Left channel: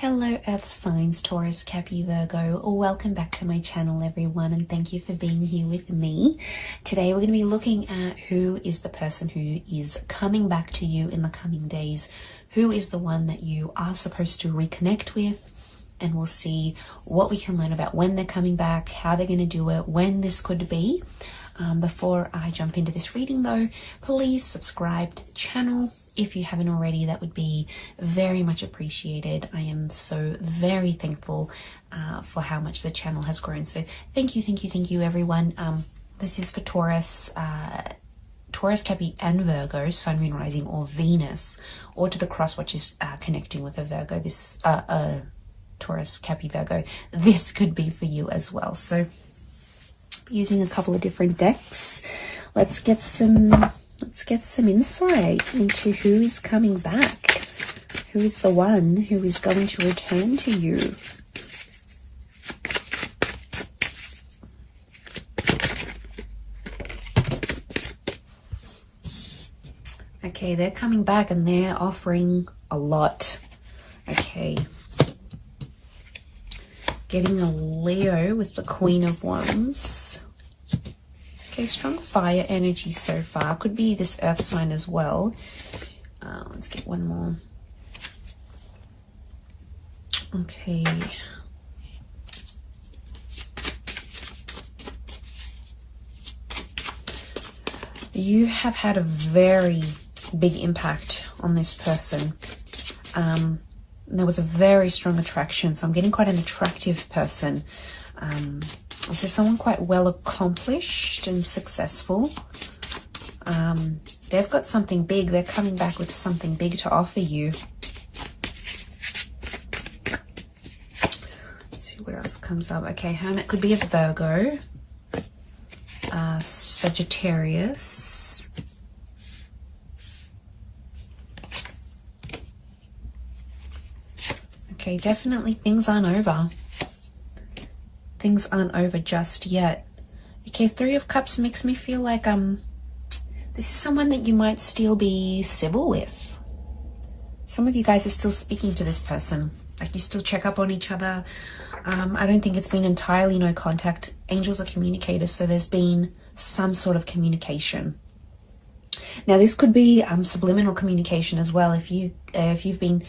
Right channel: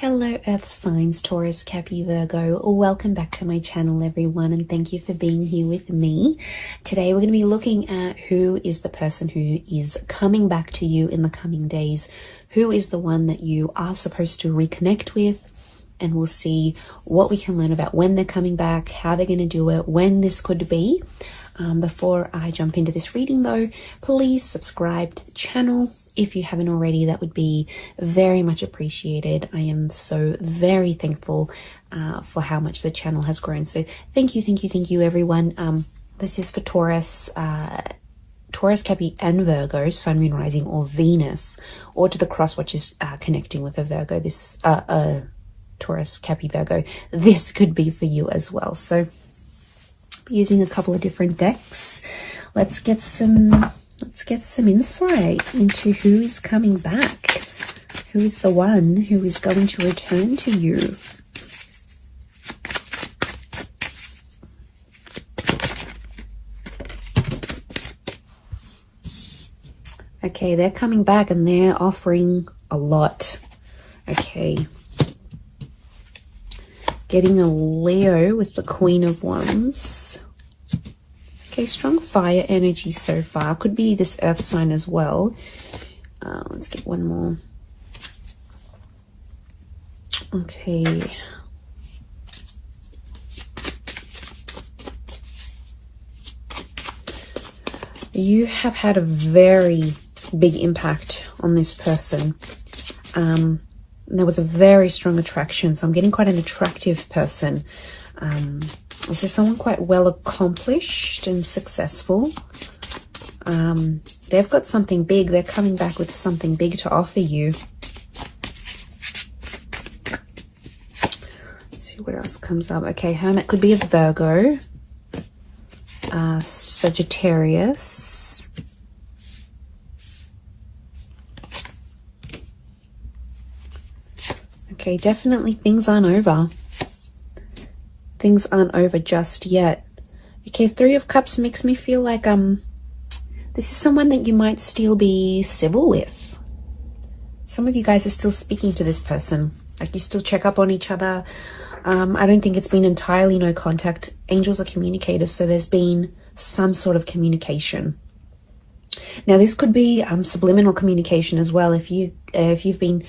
Hello Earth signs, Taurus, Capricorn, Virgo. Welcome back to my channel everyone, and thank you for being here with me. Today we're going to be looking at who is the person who is coming back to you in the coming days. Who is the one that you are supposed to reconnect with, and we'll see what we can learn about when they're coming back, how they're going to do it, when this could be. Before I jump into this reading though, please subscribe to the channel. If you haven't already, that would be very much appreciated. I am so very thankful for how much the channel has grown. So thank you everyone. This is for Taurus, Capricorn and Virgo, Sun, Moon, Rising or Venus, or to the cross which is connecting with a Virgo. This Taurus, Capricorn, Virgo. This could be for you as well. So using a couple of different decks, let's get some insight into who is coming back. Who is the one who is going to return to you? Okay, they're coming back and they're offering a lot. Okay. Getting a Leo with the Queen of Wands. Okay, strong fire energy so far. Could be this earth sign as well. Let's get one more. Okay. You have had a very big impact on this person. There was a very strong attraction, so I'm getting quite an attractive person. This is someone quite well accomplished and successful. They've got something big. They're coming back with something big to offer you. Let's see what else comes up. Okay, Hermit could be a Virgo. Sagittarius. Okay, definitely things aren't over. Things aren't over just yet. Okay, Three of Cups makes me feel like this is someone that you might still be civil with. Some of you guys are still speaking to this person. Like, you still check up on each other. I don't think it's been entirely no contact. Angels are communicators, so there's been some sort of communication. Now, this could be subliminal communication as well. If you've been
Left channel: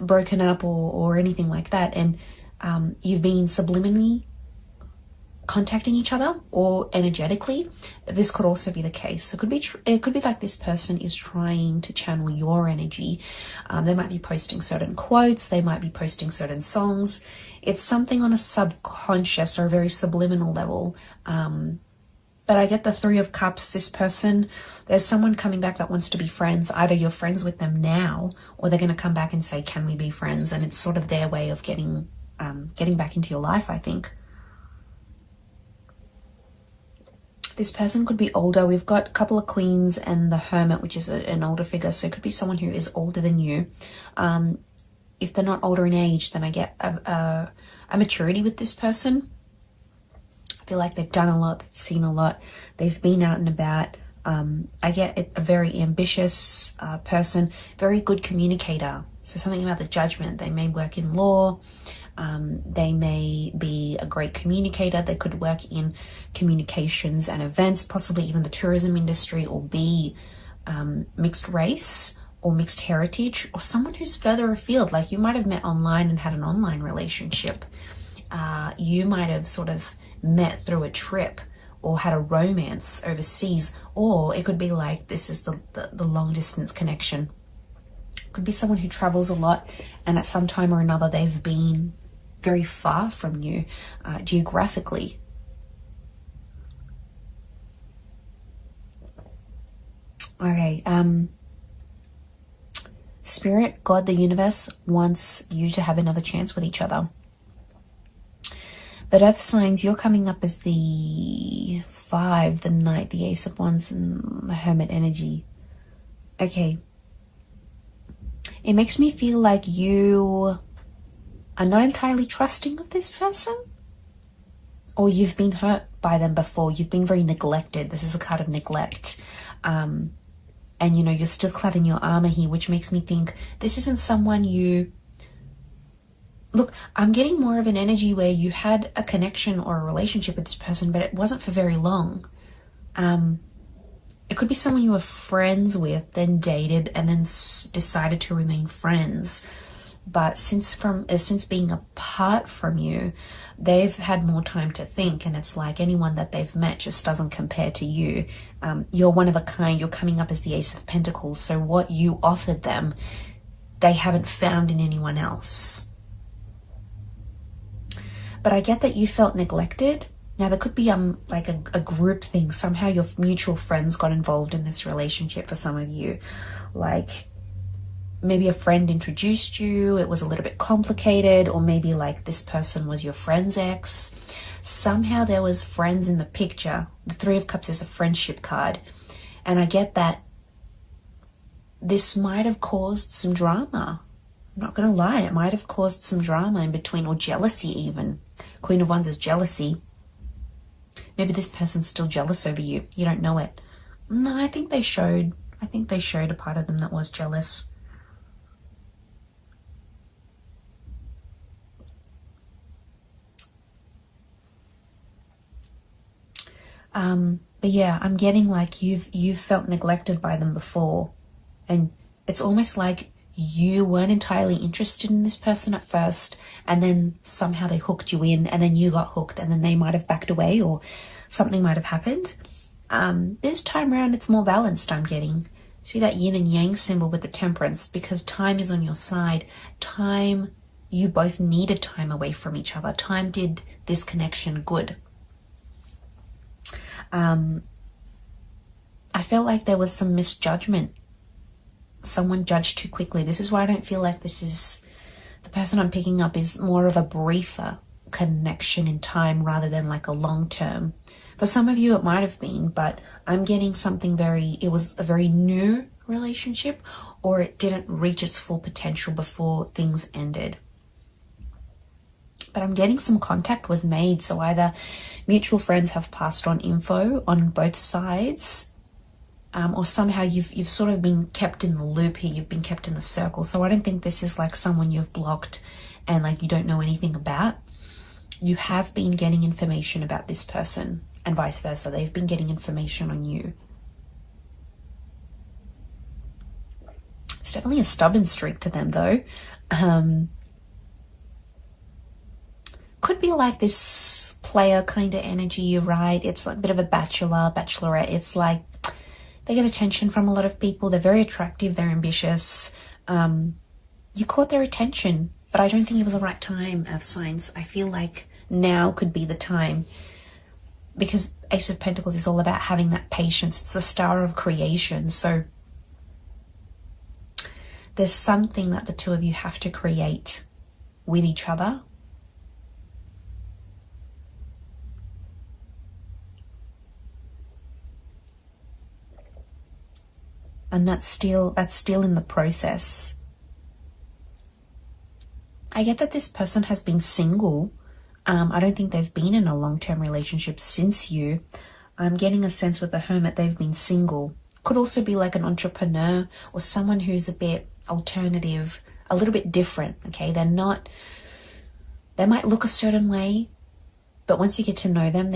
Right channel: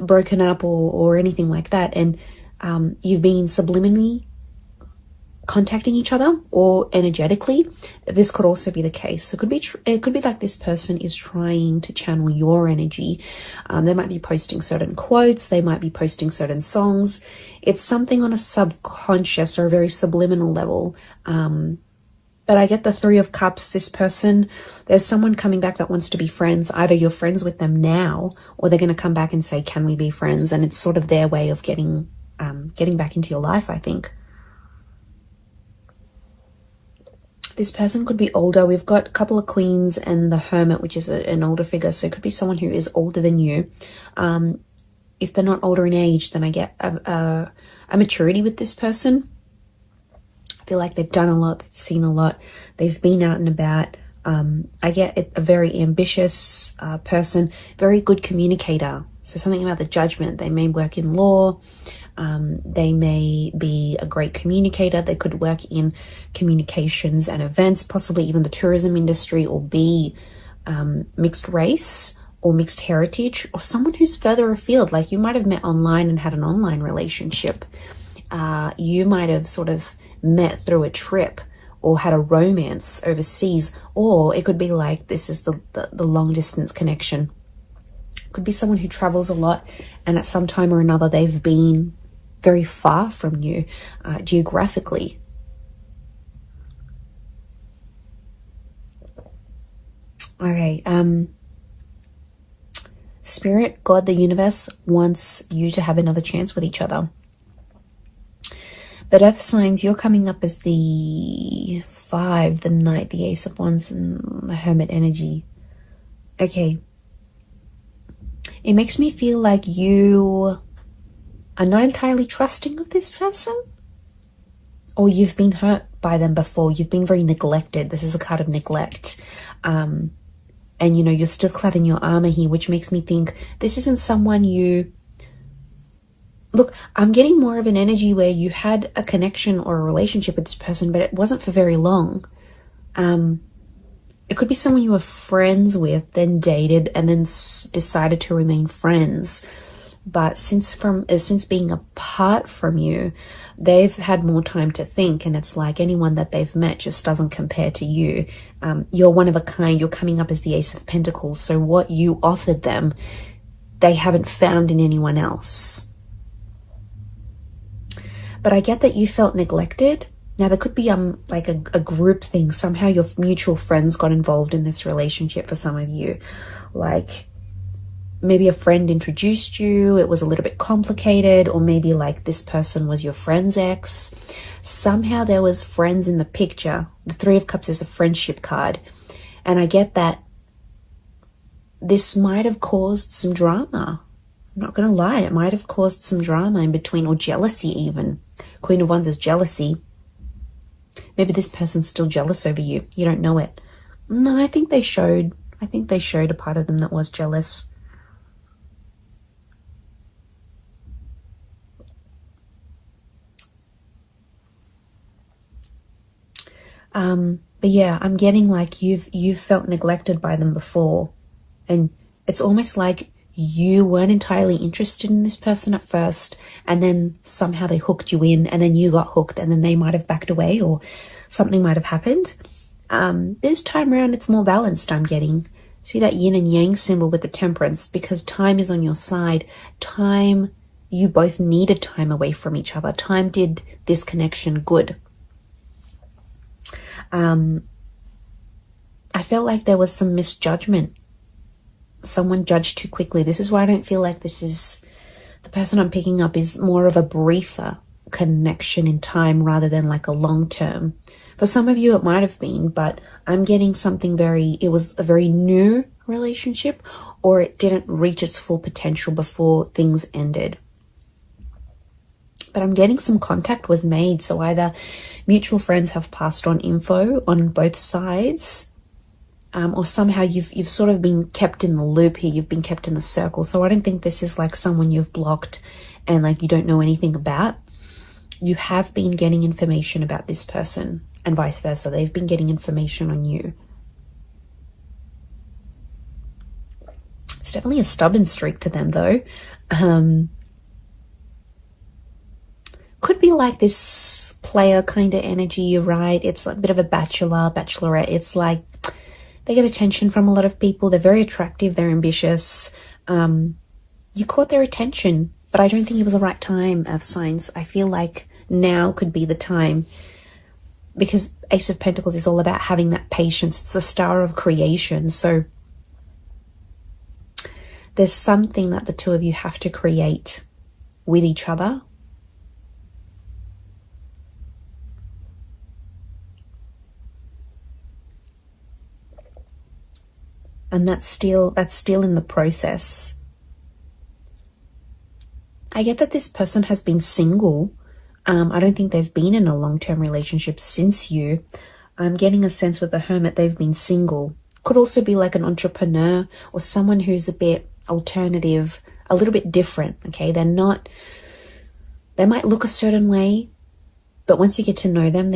broken up or anything like that, and you've been subliminally contacting each other or energetically, this could also be the case. So it could be like this person is trying to channel your energy. They might be posting certain quotes, they might be posting certain songs. It's something on a subconscious or a very subliminal level. But I get the Three of Cups. This person, there's someone coming back that wants to be friends. Either you're friends with them now, or they're going to come back and say, can we be friends? And it's sort of their way of getting back into your life, I think. This person could be older. We've got a couple of Queens and the Hermit, which is an older figure. So it could be someone who is older than you. If they're not older in age, then I get a maturity with this person. I feel like they've done a lot, they've seen a lot, they've been out and about. I get a very ambitious person, very good communicator. So something about the judgment. They may work in law, they may be a great communicator, they could work in communications and events, possibly even the tourism industry, or be mixed race or mixed heritage, or someone who's further afield. Like, you might have met online and had an online relationship. You might have sort of met through a trip or had a romance overseas, or it could be like this is the long distance connection. It could be someone who travels a lot, and at some time or another they've been very far from you geographically. Okay, Spirit, God, the universe wants you to have another chance with each other. But Earth signs, you're coming up as the 5, the Knight, the Ace of Wands, and the Hermit energy. Okay. It makes me feel like you are not entirely trusting of this person. Or you've been hurt by them before. You've been very neglected. This is a card of neglect. And, you know, you're still clad in your armor here, which makes me think this isn't someone you Look, I'm getting more of an energy where you had a connection or a relationship with this person, but it wasn't for very long. It could be someone you were friends with, then dated, and then decided to remain friends. But since being apart from you, they've had more time to think, and it's like anyone that they've met just doesn't compare to you. You're one of a kind. You're coming up as the Ace of Pentacles. So what you offered them, they haven't found in anyone else. But I get that you felt neglected. Now, there could be like a group thing. Somehow your mutual friends got involved in this relationship for some of you. Like, maybe a friend introduced you, it was a little bit complicated, or maybe like this person was your friend's ex. Somehow there was friends in the picture. The Three of Cups is the friendship card. And I get that this might have caused some drama. I'm not going to lie, it might have caused some drama in between, or jealousy even. Queen of Wands is jealousy. Maybe this person's still jealous over you. You don't know it. No, I think they showed a part of them that was jealous. But yeah, I'm getting like you've felt neglected by them before, and it's almost like you weren't entirely interested in this person at first, and then somehow they hooked you in, and then you got hooked, and then they might have backed away, or something might have happened. This time around, it's more balanced, I'm getting. See that yin and yang symbol with the Temperance, because time is on your side. Time, you both needed time away from each other. Time did this connection good. I felt like there was some misjudgment. Someone judged too quickly. This is why I don't feel like this is, the person I'm picking up is more of a briefer connection in time rather than like a long term. For some of you it might have been, but I'm getting something it was a very new relationship, or it didn't reach its full potential before things ended. But I'm getting some contact was made, so either mutual friends have passed on info on both sides, or somehow you've sort of been kept in the loop here, you've been kept in the circle. So I don't think this is like someone you've blocked and like you don't know anything about. You have been getting information about this person, and vice versa. They've been getting information on you. It's definitely a stubborn streak to them though. Could be like this player kind of energy, you're right. It's like a bit of a bachelorette. It's like they get attention from a lot of people. They're very attractive. They're ambitious. You caught their attention, but I don't think it was the right time of signs. I feel like now could be the time, because Ace of Pentacles is all about having that patience. It's the star of creation. So there's something that the two of you have to create with each other. And that's still in the process. I get that this person has been single. I don't think they've been in a long-term relationship since you. I'm getting a sense with the Hermit they've been single. Could also be like an entrepreneur or someone who's a bit alternative, a little bit different, okay? They might look a certain way, but once you get to know them,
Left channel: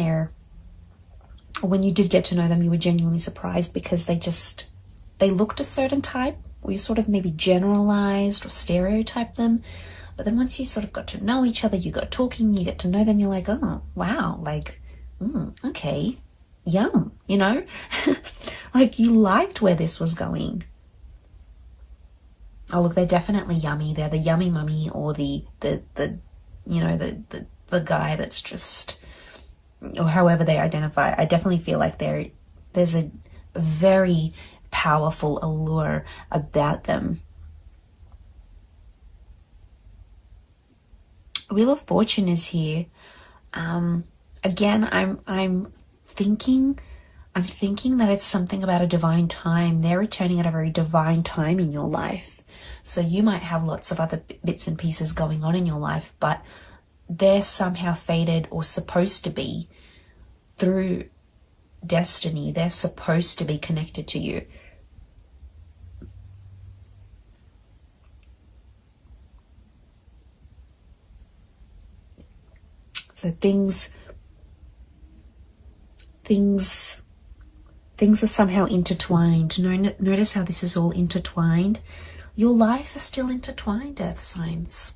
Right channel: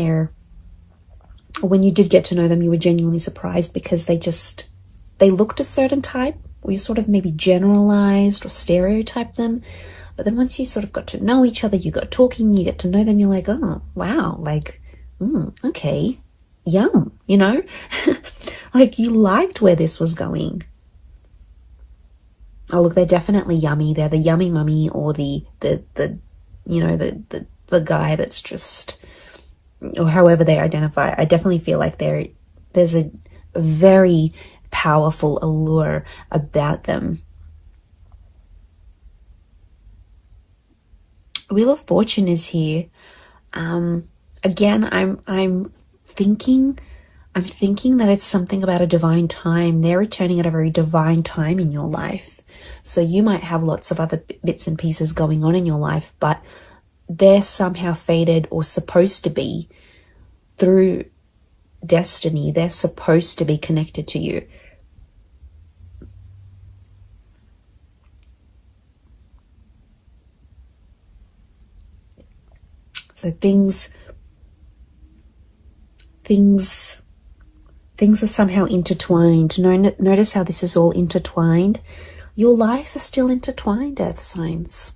when you did get to know them, you were genuinely surprised because they looked a certain type, or you sort of maybe generalized or stereotyped them. But then once you sort of got to know each other, you got talking, you get to know them, you're like, oh, wow, like, okay, yum, you know? Like you liked where this was going. Oh, look, they're definitely yummy. They're the yummy mummy, or the guy that's just, or however they identify. I definitely feel like there's a very powerful allure about them. Wheel of Fortune is here. Again, I'm thinking that it's something about a divine time. They're returning at a very divine time in your life. So you might have lots of other bits and pieces going on in your life, but they're somehow fated or supposed to be through destiny. They're supposed to be connected to you. So things are somehow intertwined. Notice how this is all intertwined. Your lives are still intertwined, Earth signs.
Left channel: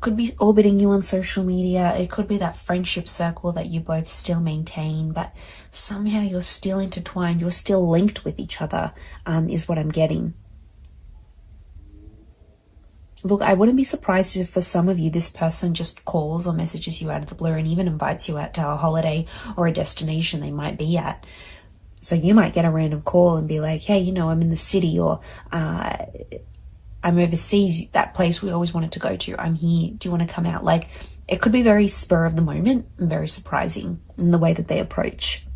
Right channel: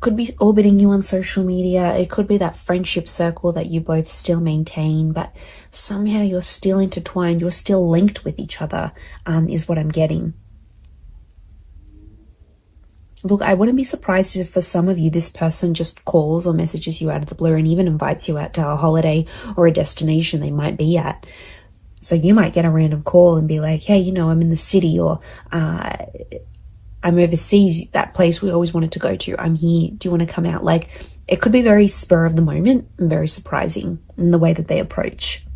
Could be orbiting you on social media. It could be that friendship circle that you both still maintain, but somehow you're still intertwined. You're still linked with each other, is what I'm getting. Look, I wouldn't be surprised if for some of you, this person just calls or messages you out of the blue and even invites you out to a holiday or a destination they might be at. So you might get a random call and be like, hey, you know, I'm in the city, or I'm overseas, that place we always wanted to go to. I'm here. Do you want to come out? Like, it could be very spur of the moment and very surprising in the way that they approach.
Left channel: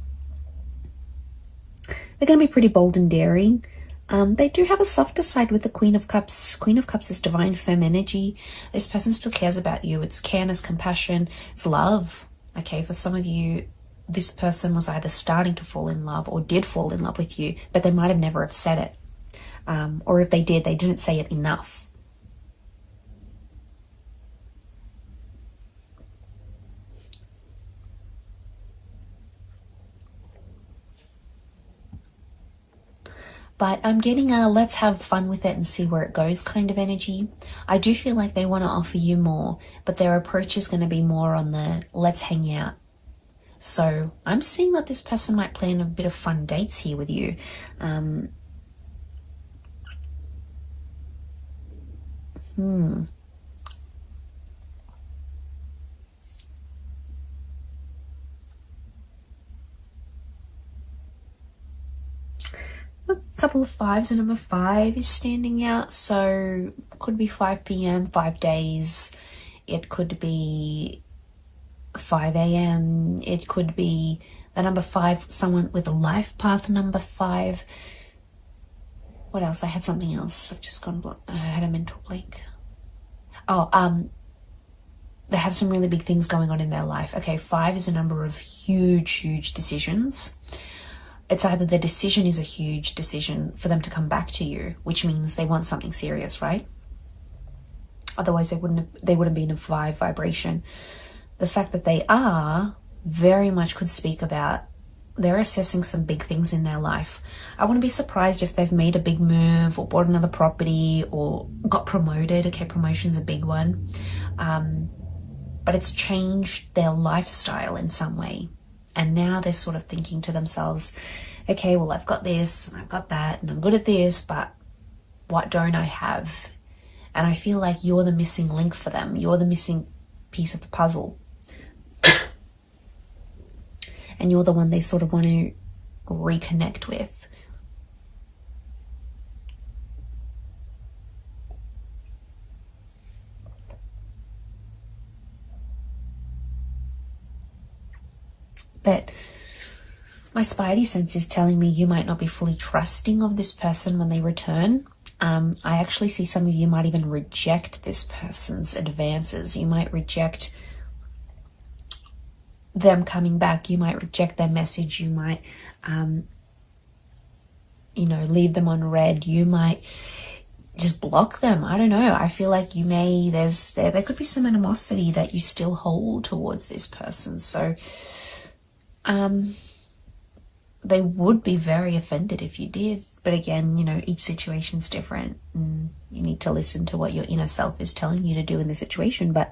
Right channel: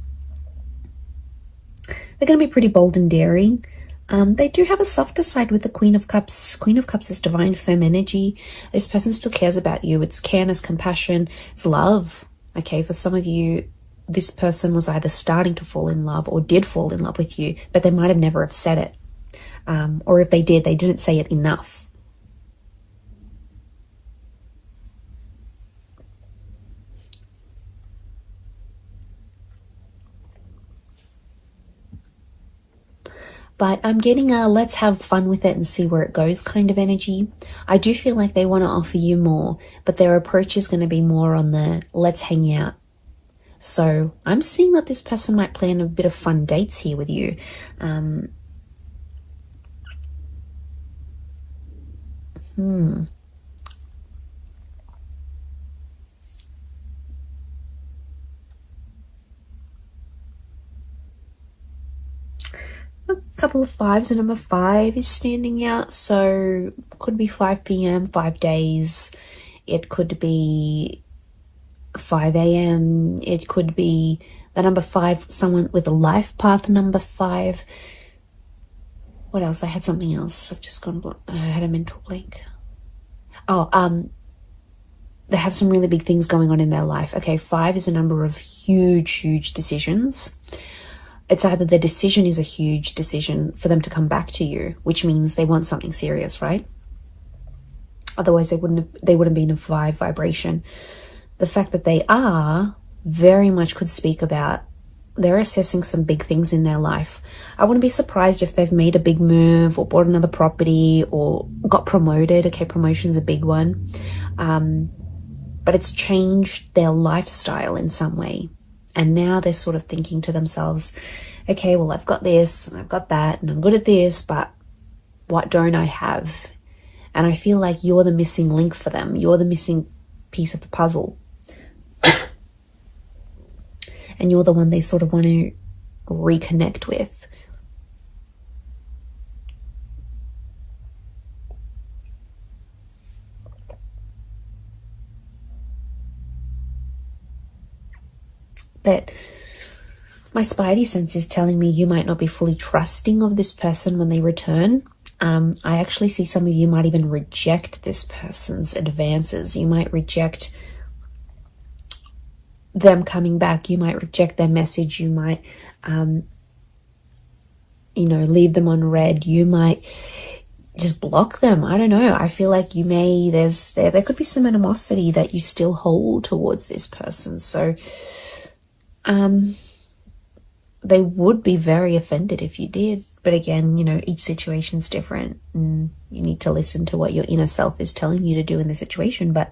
They're going to be pretty bold and daring. They do have a softer side with the Queen of Cups. Queen of Cups is divine femme energy. This person still cares about you. It's care, it's compassion, it's love. Okay, for some of you, this person was either starting to fall in love or did fall in love with you, but they might have never have said it. Or if they did, they didn't say it enough. But I'm getting a let's have fun with it and see where it goes kind of energy. I do feel like they want to offer you more, but their approach is going to be more on the let's hang out. So I'm seeing that this person might plan a bit of fun dates here with you. A couple of fives. The number 5 is standing out, so could be 5 p.m, 5 days. It could be 5 a.m. It could be the number 5, someone with a life path number 5. What else? I had something else. I've just gone I had a mental blank. They have some really big things going on in their life. Okay, 5 is a number of huge decisions. It's either their decision is a huge decision for them to come back to you, which means they want something serious, right? Otherwise, they wouldn't be in a 5 vibration. The fact that they are very much could speak about they're assessing some big things in their life. I wouldn't be surprised if they've made a big move or bought another property or got promoted. Okay, promotion's a big one. But it's changed their lifestyle in some way. And now they're sort of thinking to themselves, okay, well, I've got this and I've got that and I'm good at this, but what don't I have? And I feel like you're the missing link for them. You're the missing piece of the puzzle. And you're the one they sort of want to reconnect with. But my spidey sense is telling me you might not be fully trusting of this person when they return. I actually see some of you might even reject this person's advances. You might reject them coming back. You might reject their message. You might, leave them on red. You might just block them. I don't know. I feel like there could be some animosity that you still hold towards this person. So, they would be very offended if you did. But again, each situation's different and you need to listen to what your inner self is telling you to do in the situation. But,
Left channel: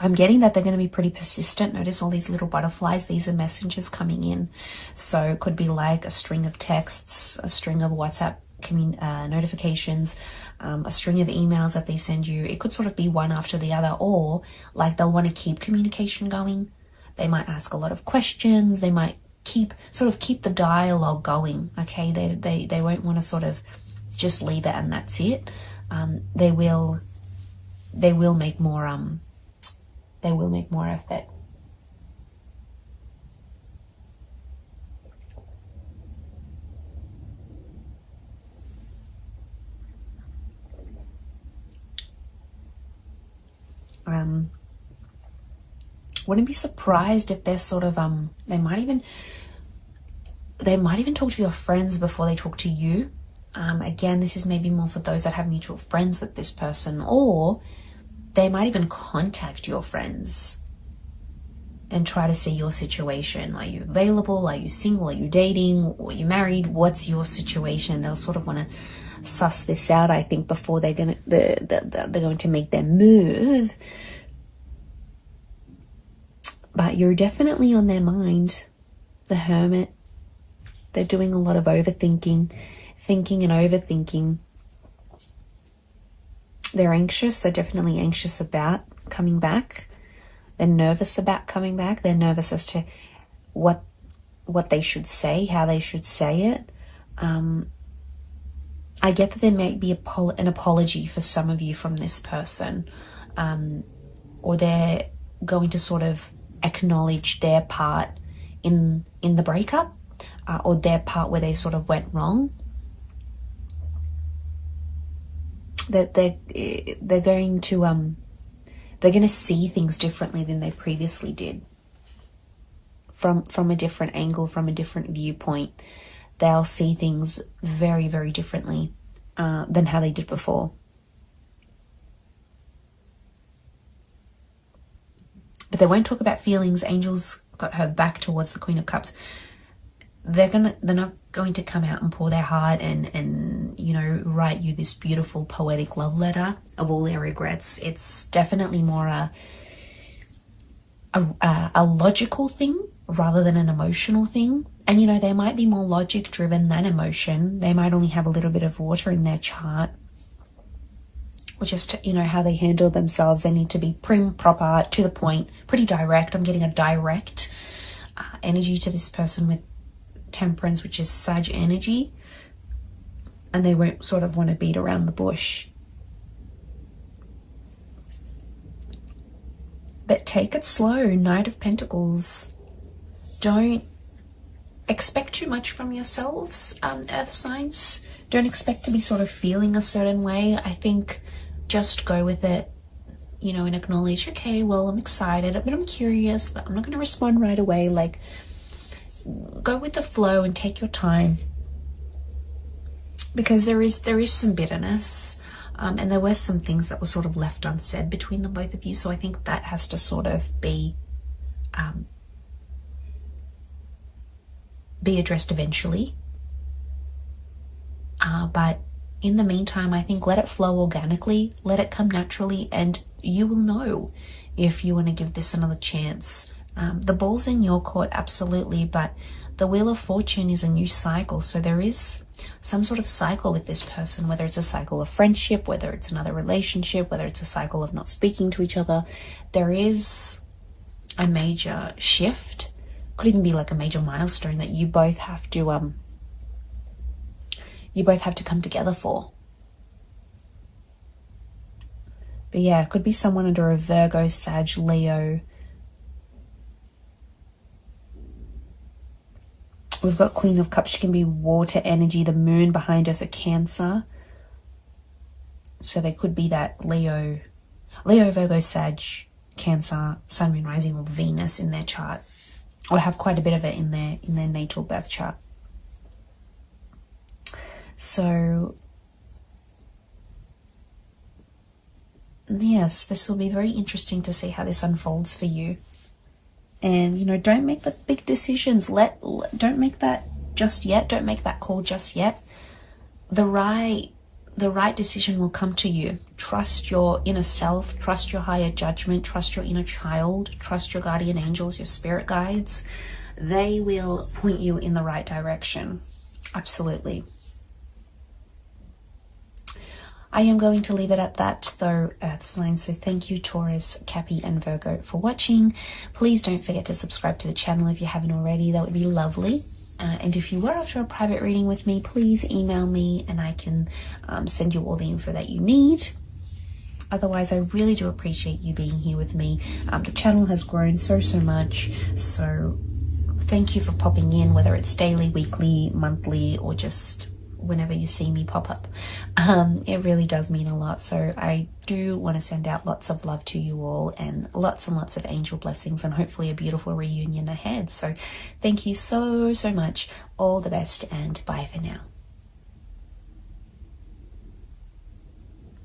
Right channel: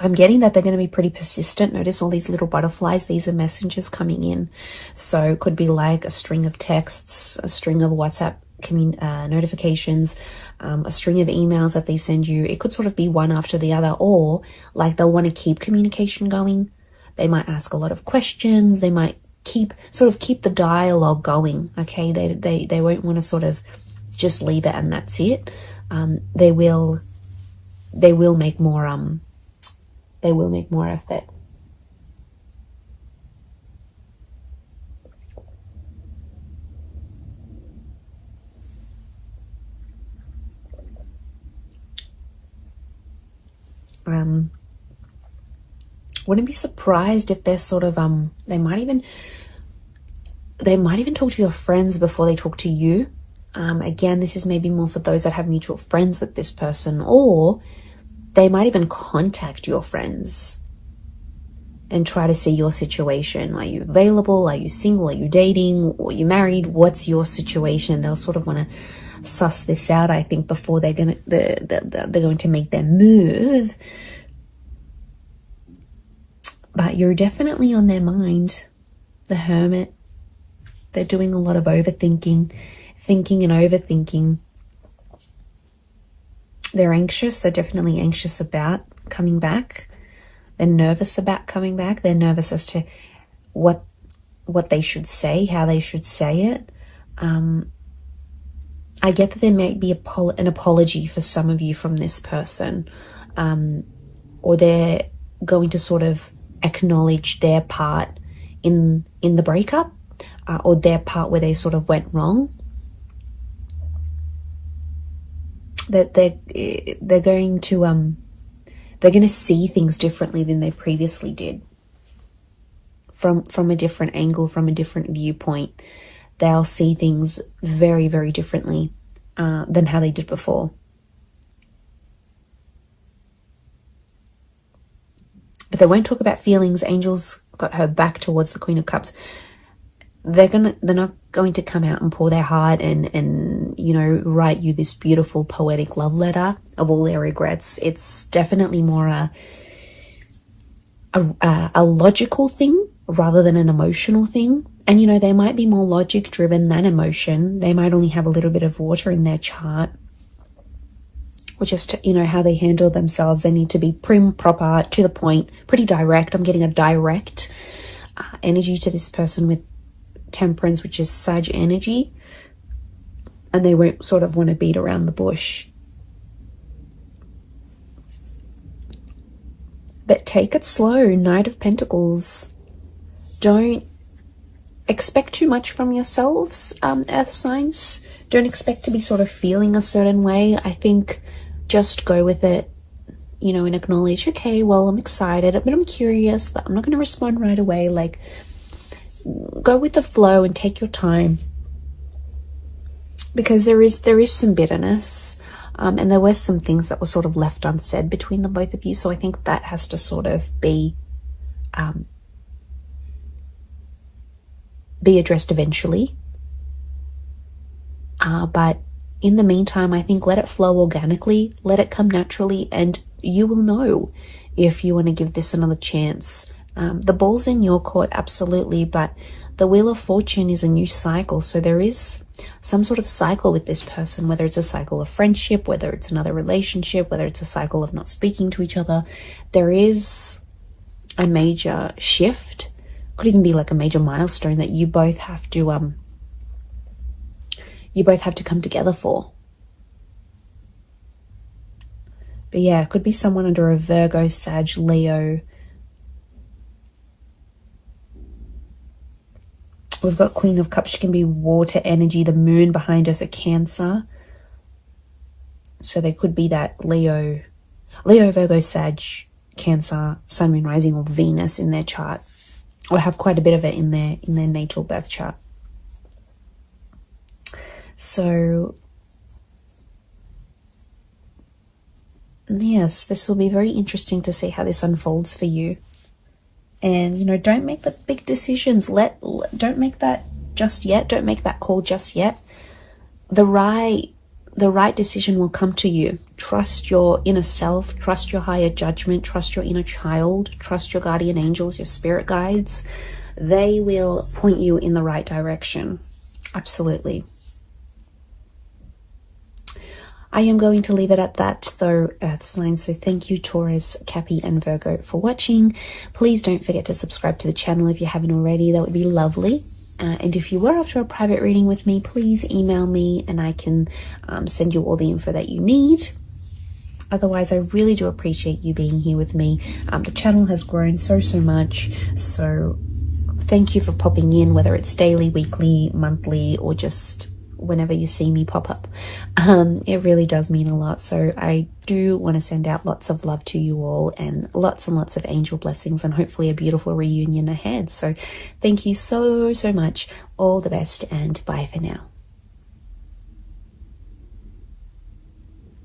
I'm getting that they're going to be pretty persistent. Notice all these little butterflies. These are messengers coming in. So it could be like a string of texts, a string of WhatsApp notifications, a string of emails that they send you. It could sort of be one after the other, or like they'll want to keep communication going. They might ask a lot of questions. They might keep the dialogue going. Okay, they won't want to sort of just leave it and that's it. They will make more effort. Wouldn't be surprised if they're sort of they might even talk to your friends before they talk to you. Again, this is maybe more for those that have mutual friends with this person, or They might even contact your friends and try to see your situation. Are you available? Are you single? Are you dating? Or are you married? What's your situation? They'll sort of want to suss this out, I think, before they're going to make their move. But you're definitely on their mind. The Hermit. They're doing a lot of overthinking, thinking and overthinking. They're anxious. They're definitely anxious about coming back. They're nervous about coming back. They're nervous as to what they should say, how they should say it. I get that there may be an apology for some of you from this person, or they're going to sort of acknowledge their part in the breakup, or their part where they sort of went wrong. That they're going to see things differently than they previously did. From a different angle, from a different viewpoint. They'll see things very, very differently than how they did before. But they won't talk about feelings. Angels got her back towards the Queen of Cups. They're not going to come out and pour their heart and write you this beautiful poetic love letter of all their regrets. It's definitely more a logical thing rather than an emotional thing. And they might be more logic driven than emotion. They might only have a little bit of water in their chart, or just how they handle themselves. They need to be prim, proper, to the point, pretty direct. I'm getting a direct energy to this person with Temperance, which is Sag energy, and they won't sort of want to beat around the bush. But take it slow. Knight of Pentacles. Don't expect too much from yourselves, earth signs. Don't expect to be sort of feeling a certain way. I think just go with it, and acknowledge, okay, well, I'm excited, but I'm curious, but I'm not going to respond right away. Like, go with the flow and take your time, because there is some bitterness, and there were some things that were sort of left unsaid between the both of you. So I think that has to sort of be addressed eventually. But in the meantime, I think let it flow organically, let it come naturally, and you will know if you want to give this another chance. The ball's in your court, absolutely, but the Wheel of Fortune is a new cycle. So there is some sort of cycle with this person, whether it's a cycle of friendship, whether it's another relationship, whether it's a cycle of not speaking to each other. There is a major shift, could even be like a major milestone that you both have to come together for. But yeah, it could be someone under a Virgo, Sag, Leo. We've got Queen of Cups. She can be water energy. The moon behind us, a Cancer. So there could be that Leo, Virgo, Sag, Cancer, Sun, Moon, Rising, or Venus in their chart. Or have quite a bit of it in their natal birth chart. So yes, this will be very interesting to see how this unfolds for you. And, don't make the big decisions. Don't make that just yet. Don't make that call just yet. The right decision will come to you. Trust your inner self. Trust your higher judgment. Trust your inner child. Trust your guardian angels, your spirit guides. They will point you in the right direction. Absolutely. I am going to leave it at that, though, earth signs. So thank you, Taurus, Cappy, and Virgo, for watching. Please don't forget to subscribe to the channel if you haven't already. That would be lovely. And if you were after a private reading with me, please email me and I can send you all the info that you need. Otherwise, I really do appreciate you being here with me. The channel has grown so much. So thank you for popping in, whether it's daily, weekly, monthly, or just whenever you see me pop up. It really does mean a lot. So I do want to send out lots of love to you all, and lots of angel blessings, and hopefully a beautiful reunion ahead. So thank you so much. All the best, and bye for now.